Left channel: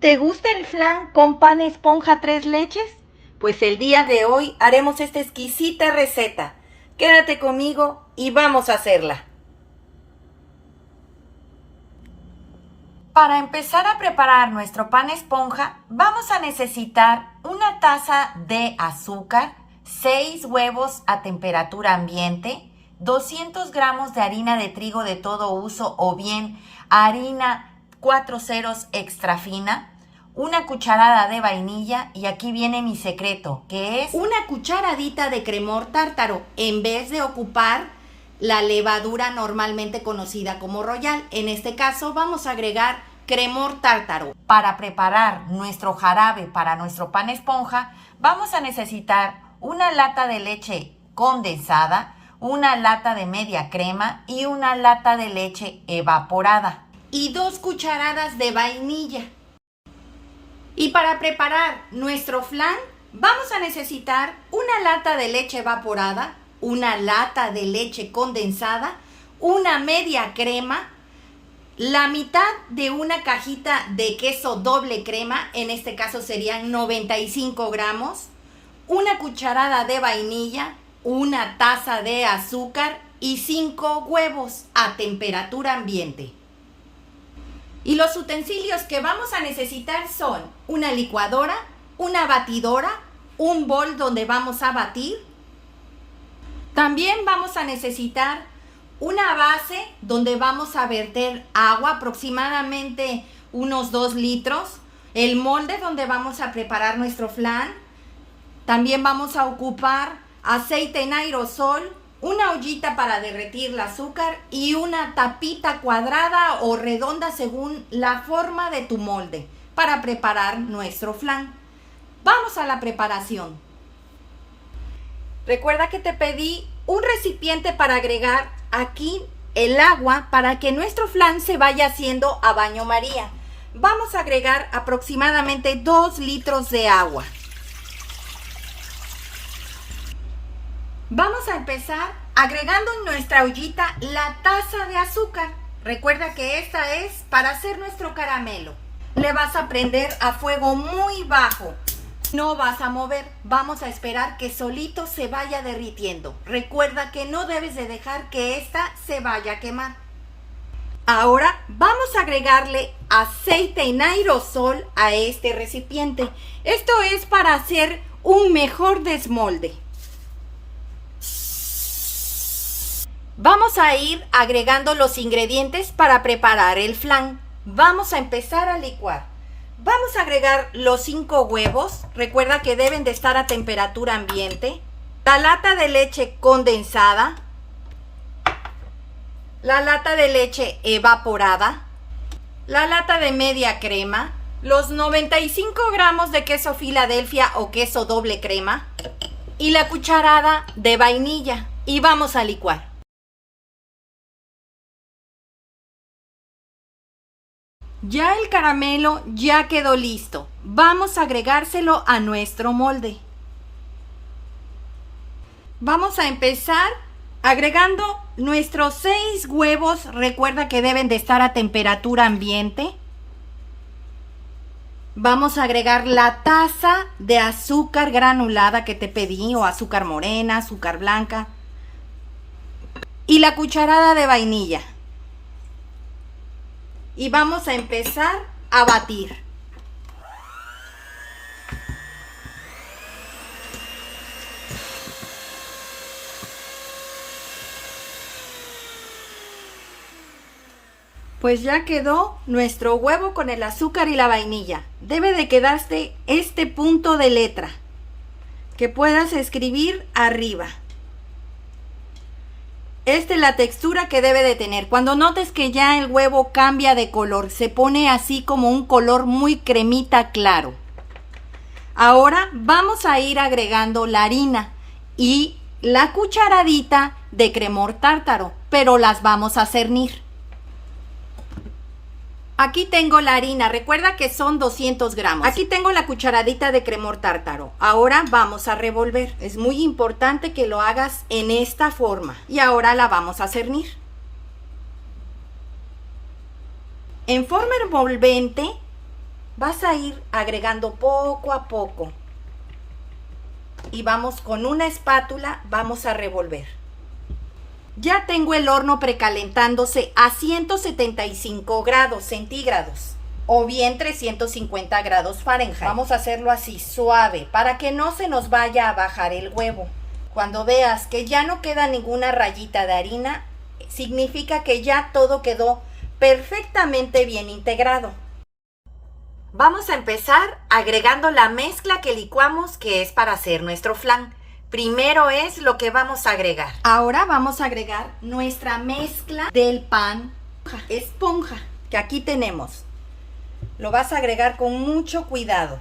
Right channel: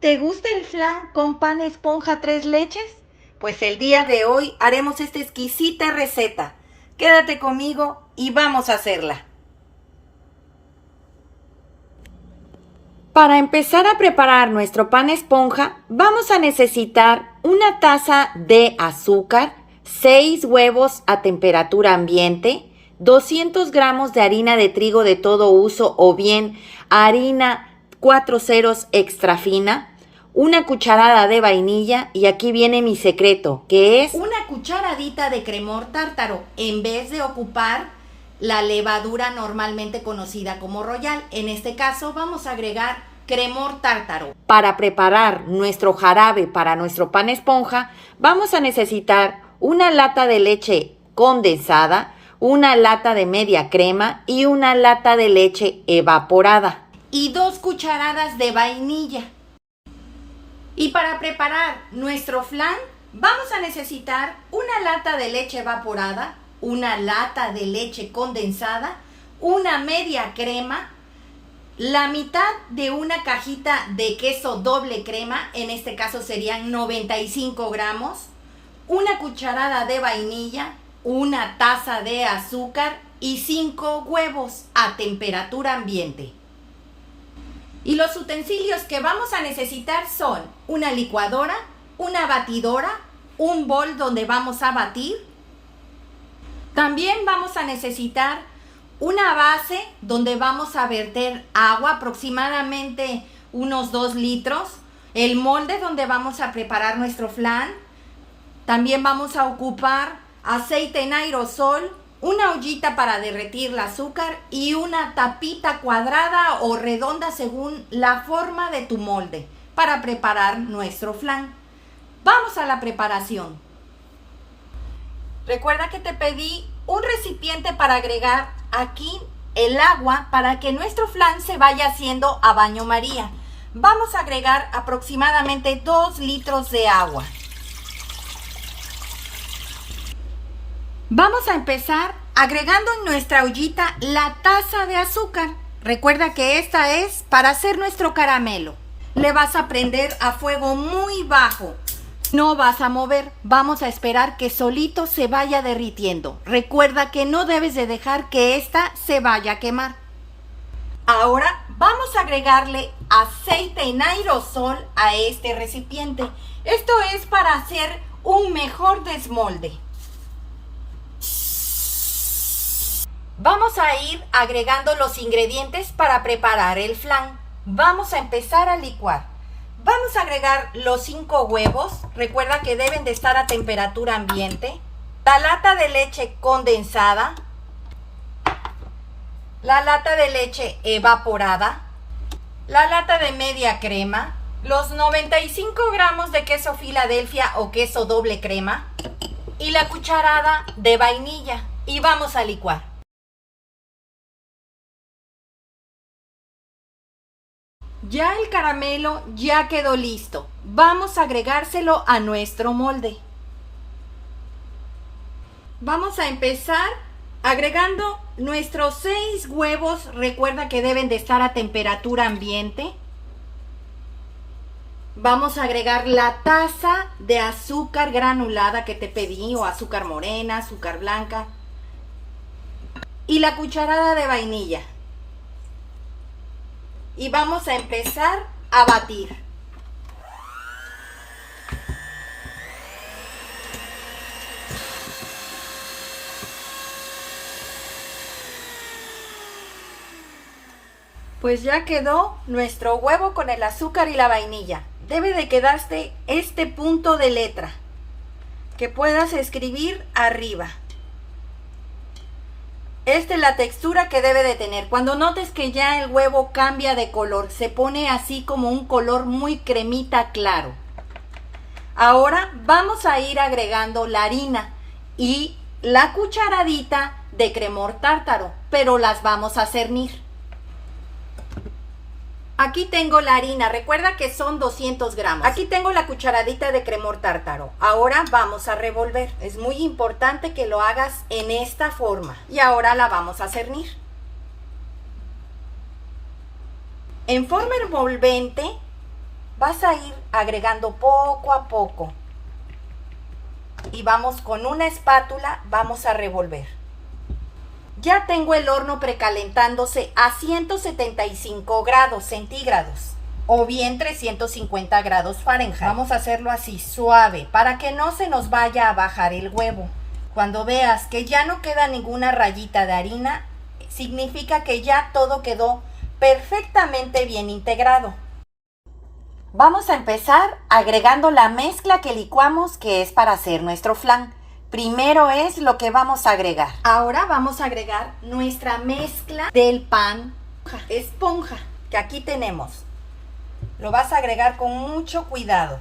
¿Te gusta el flan con pan esponja tres leches? Pues el día de hoy haremos esta exquisita receta. Quédate conmigo y vamos a hacerla. Para empezar a preparar nuestro pan esponja, vamos a necesitar una taza de azúcar, 6 huevos a temperatura ambiente, 200 gramos de harina de trigo de todo uso o bien harina 4 ceros extra fina, una cucharada de vainilla y aquí viene mi secreto, que es una cucharadita de cremor tártaro en vez de ocupar la levadura normalmente conocida como Royal. En este caso vamos a agregar cremor tártaro. Para preparar nuestro jarabe para nuestro pan esponja, vamos a necesitar una lata de leche condensada, una lata de media crema y una lata de leche evaporada. Y 2 cucharadas de vainilla. Y para preparar nuestro flan, vamos a necesitar una lata de leche evaporada, una lata de leche condensada, una media crema, la mitad de una cajita de queso doble crema, en este caso serían 95 gramos, una cucharada de vainilla, una taza de azúcar y 5 huevos a temperatura ambiente. Y los utensilios que vamos a necesitar son una licuadora, una batidora, un bol donde vamos a batir. También vamos a necesitar una base donde vamos a verter agua, aproximadamente unos 2 litros. El molde donde vamos a preparar nuestro flan. También vamos a ocupar aceite en aerosol, una ollita para derretir el azúcar y una tapita cuadrada o redonda según la forma de tu molde para preparar nuestro flan. Vamos a la preparación. Recuerda que te pedí un recipiente para agregar aquí el agua para que nuestro flan se vaya haciendo a baño María. Vamos a agregar aproximadamente 2 litros de agua. Vamos a empezar agregando en nuestra ollita la taza de azúcar. Recuerda que esta es para hacer nuestro caramelo. Le vas a prender a fuego muy bajo. No vas a mover, vamos a esperar que solito se vaya derritiendo. Recuerda que no debes de dejar que esta se vaya a quemar. Ahora vamos a agregarle aceite en aerosol a este recipiente. Esto es para hacer un mejor desmolde. Vamos a ir agregando los ingredientes para preparar el flan. Vamos a empezar a licuar. Vamos a agregar los 5 huevos. Recuerda que deben de estar a temperatura ambiente. La lata de leche condensada. La lata de leche evaporada. La lata de media crema. Los 95 gramos de queso Filadelfia o queso doble crema. Y la cucharada de vainilla. Y vamos a licuar. Ya el caramelo ya quedó listo. Vamos a agregárselo a nuestro molde. Vamos a empezar agregando nuestros 6 huevos. Recuerda que deben de estar a temperatura ambiente. Vamos a agregar la taza de azúcar granulada que te pedí, o azúcar morena, azúcar blanca. Y la cucharada de vainilla. Y vamos a empezar a batir. Pues ya quedó nuestro huevo con el azúcar y la vainilla. Debe de quedarte este punto de letra que puedas escribir arriba. Esta es la textura que debe de tener. Cuando notes que ya el huevo cambia de color, se pone así como un color muy cremita claro. Ahora vamos a ir agregando la harina y la cucharadita de cremor tártaro, pero las vamos a cernir. Aquí tengo la harina, recuerda que son 200 gramos. Aquí tengo la cucharadita de cremor tártaro. Ahora vamos a revolver. Es muy importante que lo hagas en esta forma. Y ahora la vamos a cernir. En forma envolvente Vas a ir agregando poco a poco. Y vamos con una espátula, vamos a revolver. Ya tengo el horno precalentándose a 175 grados centígrados o bien 350 grados Fahrenheit. Vamos a hacerlo así suave para que no se nos vaya a bajar el huevo. Cuando veas que ya no queda ninguna rayita de harina, significa que ya todo quedó perfectamente bien integrado. Vamos a empezar agregando la mezcla que licuamos, que es para hacer nuestro flan. Primero es lo que vamos a agregar. Ahora vamos a agregar nuestra mezcla del pan esponja, que aquí tenemos. Lo vas a agregar con mucho cuidado.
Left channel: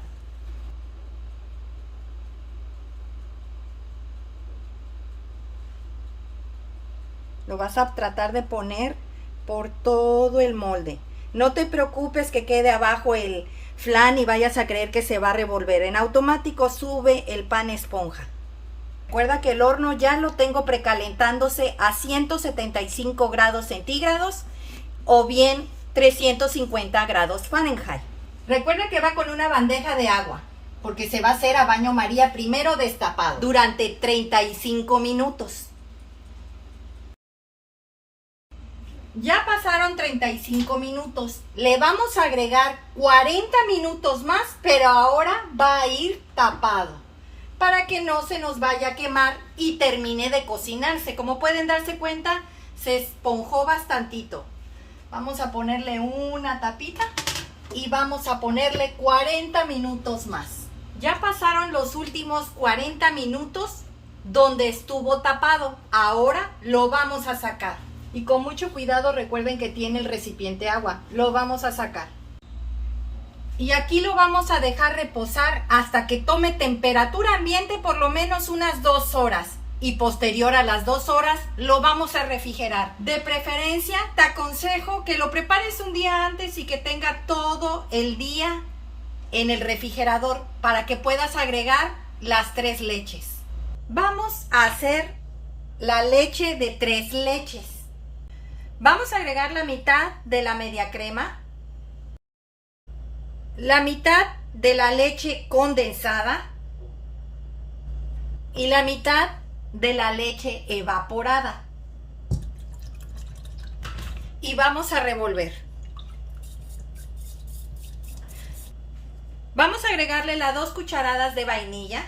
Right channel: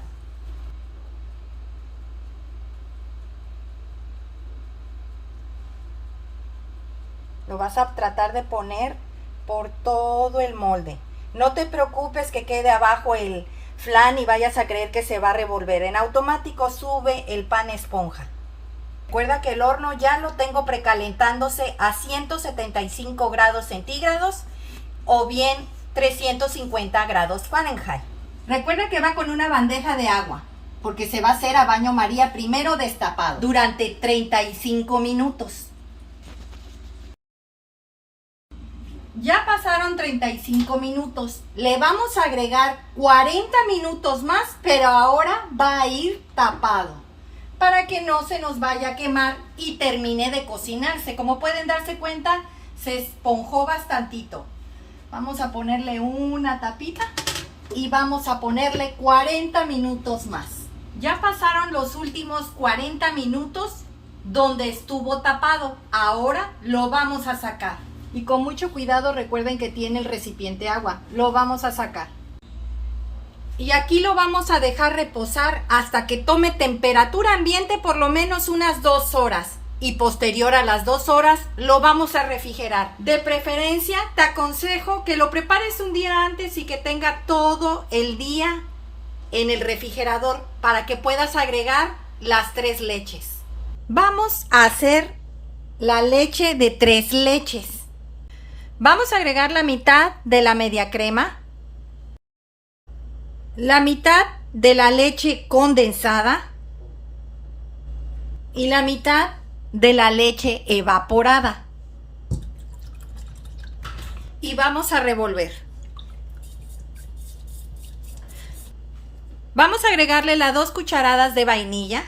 Lo vas a tratar de poner por todo el molde. No te preocupes que quede abajo el flan y vayas a creer que se va a revolver. En automático sube el pan esponja. Recuerda que el horno ya lo tengo precalentándose a 175 grados centígrados o bien 350 grados Fahrenheit. Recuerda que va con una bandeja de agua porque se va a hacer a baño María primero destapado durante 35 minutos. Ya pasaron 35 minutos. Le vamos a agregar 40 minutos más, pero ahora va a ir tapado para que no se nos vaya a quemar y termine de cocinarse. Como pueden darse cuenta, se esponjó bastantito. Vamos a ponerle una tapita y vamos a ponerle 40 minutos más. Ya pasaron los últimos 40 minutos donde estuvo tapado. Ahora lo vamos a sacar. Y con mucho cuidado, recuerden que tiene el recipiente agua. Lo vamos a sacar. Y aquí lo vamos a dejar reposar hasta que tome temperatura ambiente por lo menos unas 2 horas. Y posterior a las 2 horas lo vamos a refrigerar. De preferencia te aconsejo que lo prepares un día antes y que tenga todo el día en el refrigerador para que puedas agregar las 3 leches. Vamos a hacer la leche de 3 leches. Vamos a agregar la mitad de la media crema, la mitad de la leche condensada y la mitad de la leche evaporada. Y vamos a revolver. Vamos a agregarle las 2 cucharadas de vainilla.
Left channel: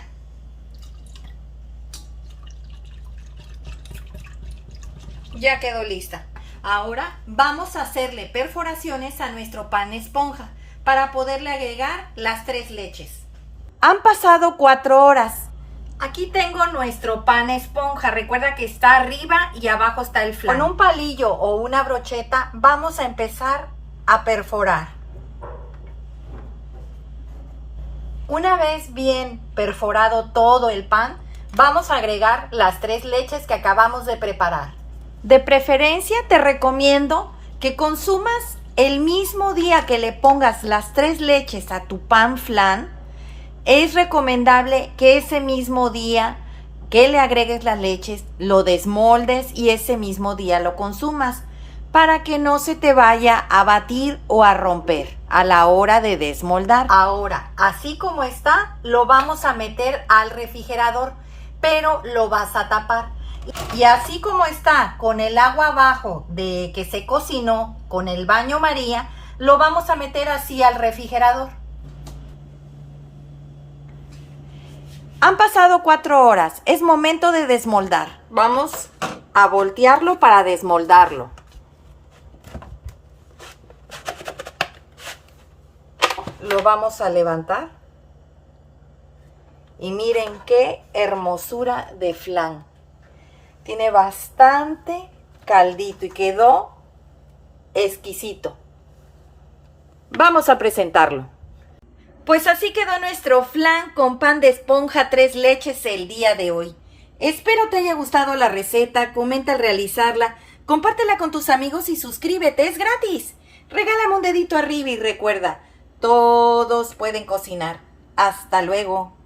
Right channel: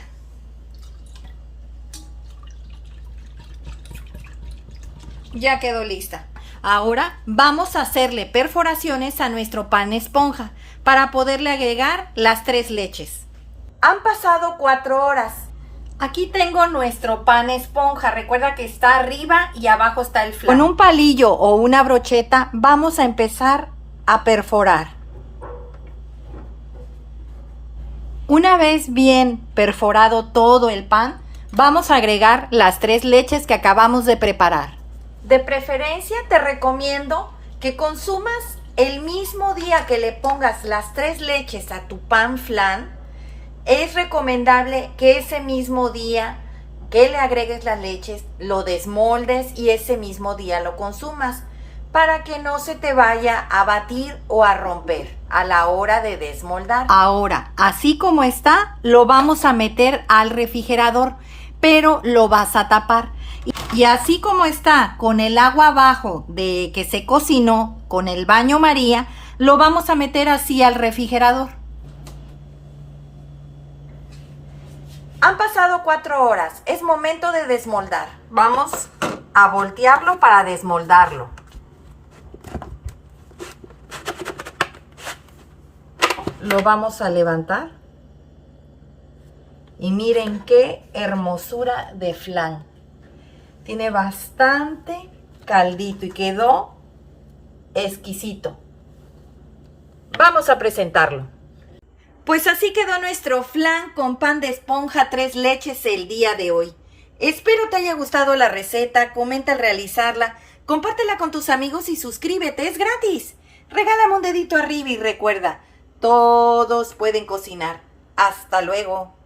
Ya quedó lista. Ahora vamos a hacerle perforaciones a nuestro pan esponja para poderle agregar las 3 leches. Han pasado 4 horas. Aquí tengo nuestro pan esponja. Recuerda que está arriba y abajo está el flan. Con un palillo o una brocheta vamos a empezar a perforar. Una vez bien perforado todo el pan, vamos a agregar las 3 leches que acabamos de preparar. De preferencia te recomiendo que consumas el mismo día que le pongas las 3 leches a tu pan flan. Es recomendable que ese mismo día que le agregues las leches, lo desmoldes y ese mismo día lo consumas para que no se te vaya a batir o a romper a la hora de desmoldar. Ahora, así como está, lo vamos a meter al refrigerador, pero lo vas a tapar. Y así como está, con el agua abajo de que se cocinó, con el baño María, lo vamos a meter así al refrigerador. Han pasado 4 horas, es momento de desmoldar. Vamos a voltearlo para desmoldarlo. Lo vamos a levantar. Y miren qué hermosura de flan. Tiene bastante caldito y quedó exquisito. Vamos a presentarlo. Pues así quedó nuestro flan con pan de esponja 3 leches el día de hoy. Espero te haya gustado la receta, comenta al realizarla, compártela con tus amigos y suscríbete, es gratis. Regálame un dedito arriba y recuerda, todos pueden cocinar. Hasta luego.